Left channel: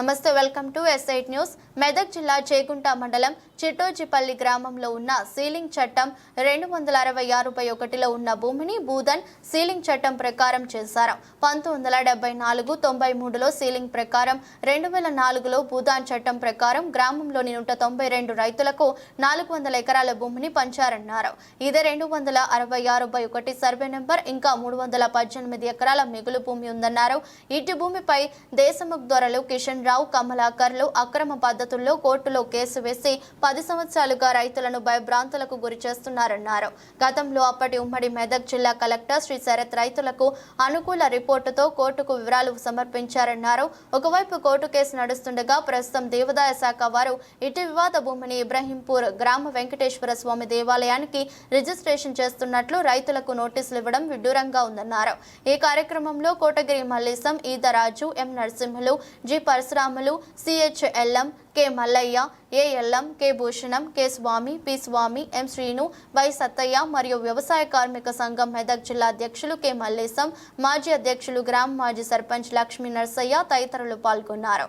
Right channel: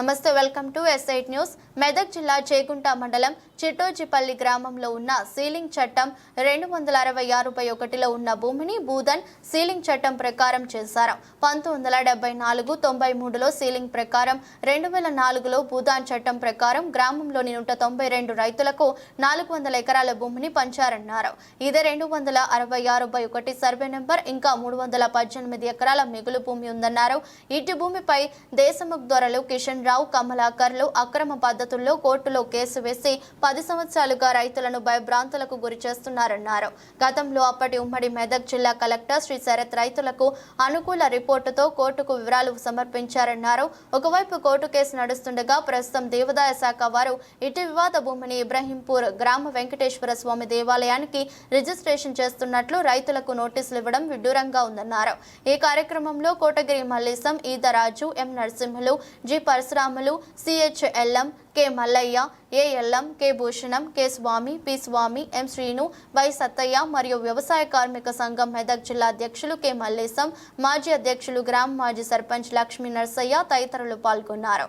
నమస్తే welcome to SIT news Medak జిల్లా చేగుంట మండలం చిట్టోజిపల్లి గ్రామంలో ఉన్న సీలింగ్ చట్టం రెండు వందల అరవై ఆరుపై ఒకటిలో ఉన్న భూమిని భూధన్ సీలింగ్ చట్టం ప్రకారం చేశారు. పంతొమ్మిది వందల నాలుగు తొంభై మూడులో సీలింగ్ ప్రకారం రెండు వేల నాలుగులో భూధాన్ చట్టం ప్రకారం గ్రామంలోని నూట తొంభై రెండు రైతులకు నాలుగు వందల ఎకరాల భూమిని పంచారన్నారు. ఇదే రెండు వందల అరవై ఆరు బై ఒకటి సర్వే నెంబర్ ఇంకా మూడు వందల పద్దెనిమిది ఎకరాల మిగులు భూమి ఉందన్నారు. ఇటు భూమిపై దేశముఖ్ దొరలు కిషన్ రావు కమలాకర్లు అక్రమ పద్ధతుల్లో కోర్టులో కేసు వేసి పది సంవత్సరాలుగా రైతులను భయభ్రాంతులకు గురి చేస్తున్నారన్నారు. గతంలో అప్పటి ఉమ్మడి మెదక్ జిల్లా కలెక్టర్ శ్రీ శరత్ రైతులకు అనుకూల రిపోర్టుతో కోర్టుకు వివరాలు సమర్పించారన్నారు. ఒకవైపు కోర్టు కేసు నడుస్తుండగా ప్రస్తుతం దేవాదాయ శాఖ వారు ఇటు వివాద భూమిని ఇబ్రహీంపూర్ గ్రామ వెంకటేశ్వర స్వామి దేవాలయానికి రిజిస్ట్రేషన్ చేస్తున్నట్లు రైతులకు నోటీసులు ఇవ్వడం విడ్డూరంగా ఉందన్నారు. ఈ కార్యక్రమంలో Kotagiri Mallesham Edaraju M Narasimhulu G Parasuramulu సిహెచ్ఎల్ఎం K Mallaiah A Ellam K Bhushanam K Swamy P Swamy M Srinu Y Sattaiah మరియు వ్యవసాయ కార్మిక సంఘం మెదక్ జిల్లా అధ్యక్షులు కె మల్లేశం మాజీ అధ్యక్షులు గ్రామ మాజీ సర్పంచ్ లక్ష్మీ నర్సయ్య తదితరులు పాల్గొన్నారు.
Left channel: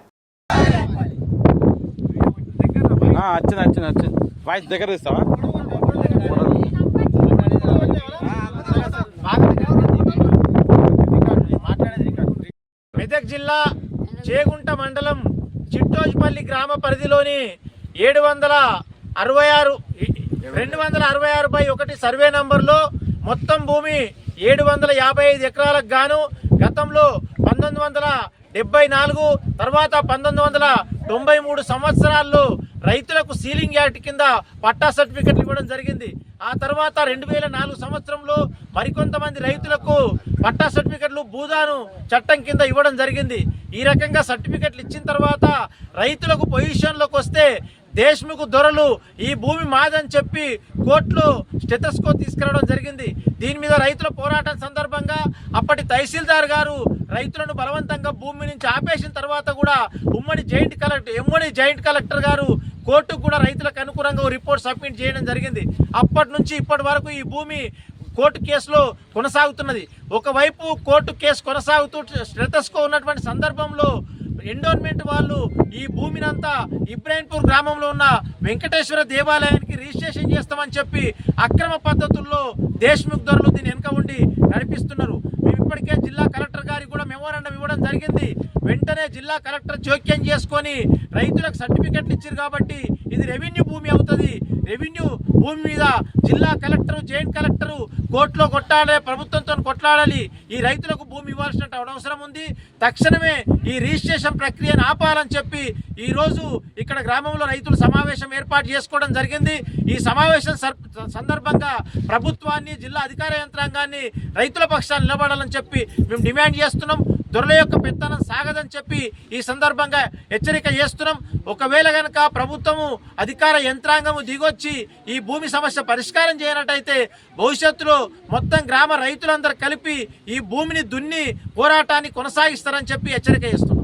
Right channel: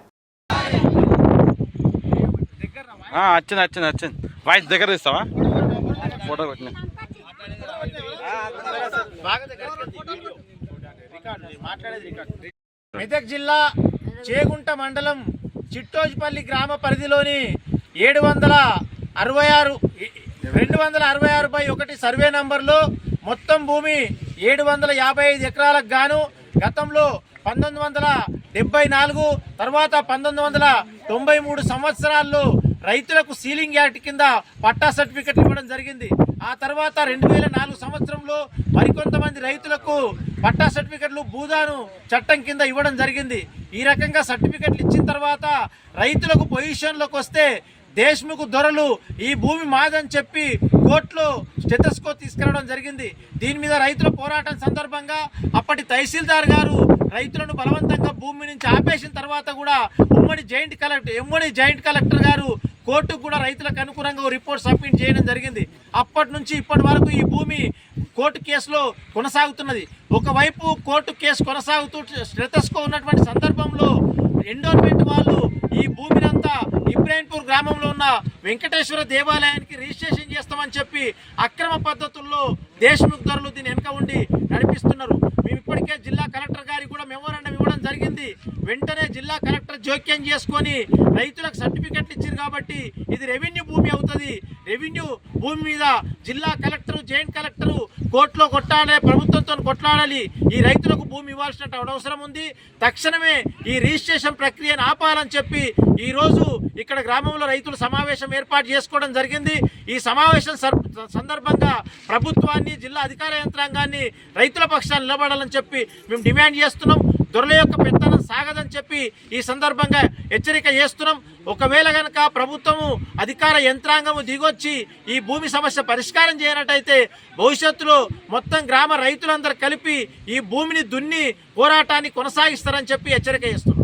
ఆ, వచ్చింది వచ్చింది వచ్చింది. వాయిస్ దగ్గర తీస్తావా? ఫోటో పెట్టు. మెదక్ జిల్లా చేగుంట మండలం చిట్టోజిపల్లి గ్రామ పరిధిలోని ఏడు వందల అరవై ఆరు రెండు వందల అరవై ఆరు బై ఒకటి సర్వే నంబర్లో మొత్తం భూమి ఏడు వందల యాభై ఐదు ఎకరాలకు గాను గతంలో పంతొమ్మిది వందల డెబ్బై నాలుగు తర్వాత పంతొమ్మిది వందల తొంభై మూడు సంవత్సరాల్లో రైతులకు సీలింగ్ యాక్ట్ కింద పట్టా సర్టిఫికెట్ ఇవ్వడం జరిగింది. ఆ తర్వాత రెండు వేల నాలుగు సంవత్సరంలో మరికొంతమంది రైతులకు పట్టా సర్టిఫికెట్లు భూదాను చట్టం కింద ఇవ్వడం జరిగింది. ఈ రకంగా సర్టిఫికెట్లు ఇచ్చిన తర్వాత రైతులకు పొజిషన్లోకి వస్తే దేశ్ముఖ్ దొరలు ఈ భూమి మాదని చెప్పి కోర్టులో స్టెటస్కో తీసుకురావడం జరిగింది. దీని మీద రైతుల పోరాటం సందర్భంగా అప్పటి తహసీల్దార్ గారు రైతులను బలవంతంగా భూమి నుంచి ఆపేసిన తర్వాత కూడా ఉమ్మడి జాయింట్ కలెక్టర్ ఎమ్మడి జాయింట్ కలెక్టర్ గారు కోర్టుకు కూడా రైతులకు అనుకూలంగా రిపోర్ట్ సబ్మిట్ చేయడం జరిగింది. అప్పటి నుంచి ఇప్పటి వరకు ఈ భూమి కోర్టు కేసులో కొనసాగుతున్నది. ఒకవైపు కోర్టు కేసు కొనసాగుతూ స్టెటస్కో ఉన్నటువంటి సందర్భంలో ఎండోర్మెంట్ వాళ్ళు ఈ భూమినంతా ఇబ్రాహింపూర్ గ్రామంలో ఉన్న వెంకటేశ్వర దేవాలయానికి రిజిస్ట్రేషన్ చేస్తామని చెప్పి అక్రమ పద్ధతుల్లో దేశముఖ్ ధరలు దీని వెనుక ఉండి నడిపిస్తున్నారు. మేము ఇప్పటికే జిల్లా కలెక్టర్ గారికి కూడా మెమోరాండం జరిగింది. వెంటనే జిల్లా కలెక్టర్ జోక్యం చేసుకొని రైతులకు సర్టిఫికెట్లు ఇచ్చారు కాబట్టి ఇది రెవెన్యూ భూమి అవుతుంది. రెవెన్యూ భూమి మీద జిల్లా కలెక్టర్ జాయింట్ కలెక్టర్ కోర్టులో కొట్టాలి ప్రభుత్వంతో కొట్లాడాలి. ఈ రైతులకు భూమి ఇవ్వాల్సిన అవసరం ఉంది. తక్షణమే ఈ రిజిస్ట్రేషన్ ప్రక్రియను ఆపాలని చెప్పి ఈరోజు ఇక్కడ గ్రామంలో రైతులు సమావేశం ఏర్పాటు చేసుకోవడం జరిగింది. ఈ సమావేశం సర్- సందర్భంగా ప్రభుత్వాన్ని జిల్లా అధికార యంత్రాంగాన్ని రైతుల పక్షాన్ని నిలబడాలని చెప్పి మేము డిమాండ్ చేస్తున్నాం. దొరల యొక్క పెత్తనం సాగదని చెప్పి ఈ సందర్భంగా హెచ్చరిక చేస్తున్నాం. ఒకవేళ కనుక ప్రభుత్వము అధికార యంత్రాంగము దిగొచ్చి ఈ భూమి సమస్య పరిష్కారం చేయనట్టయితే భవిష్యత్తులో మొత్తం గ్రామ రైతులందరూ కలిపి ఈ భూమిని దున్ని పోరాటాన్ని కొనసాగిస్తారని చెప్పి హెచ్చరిక ఇస్తున్నారు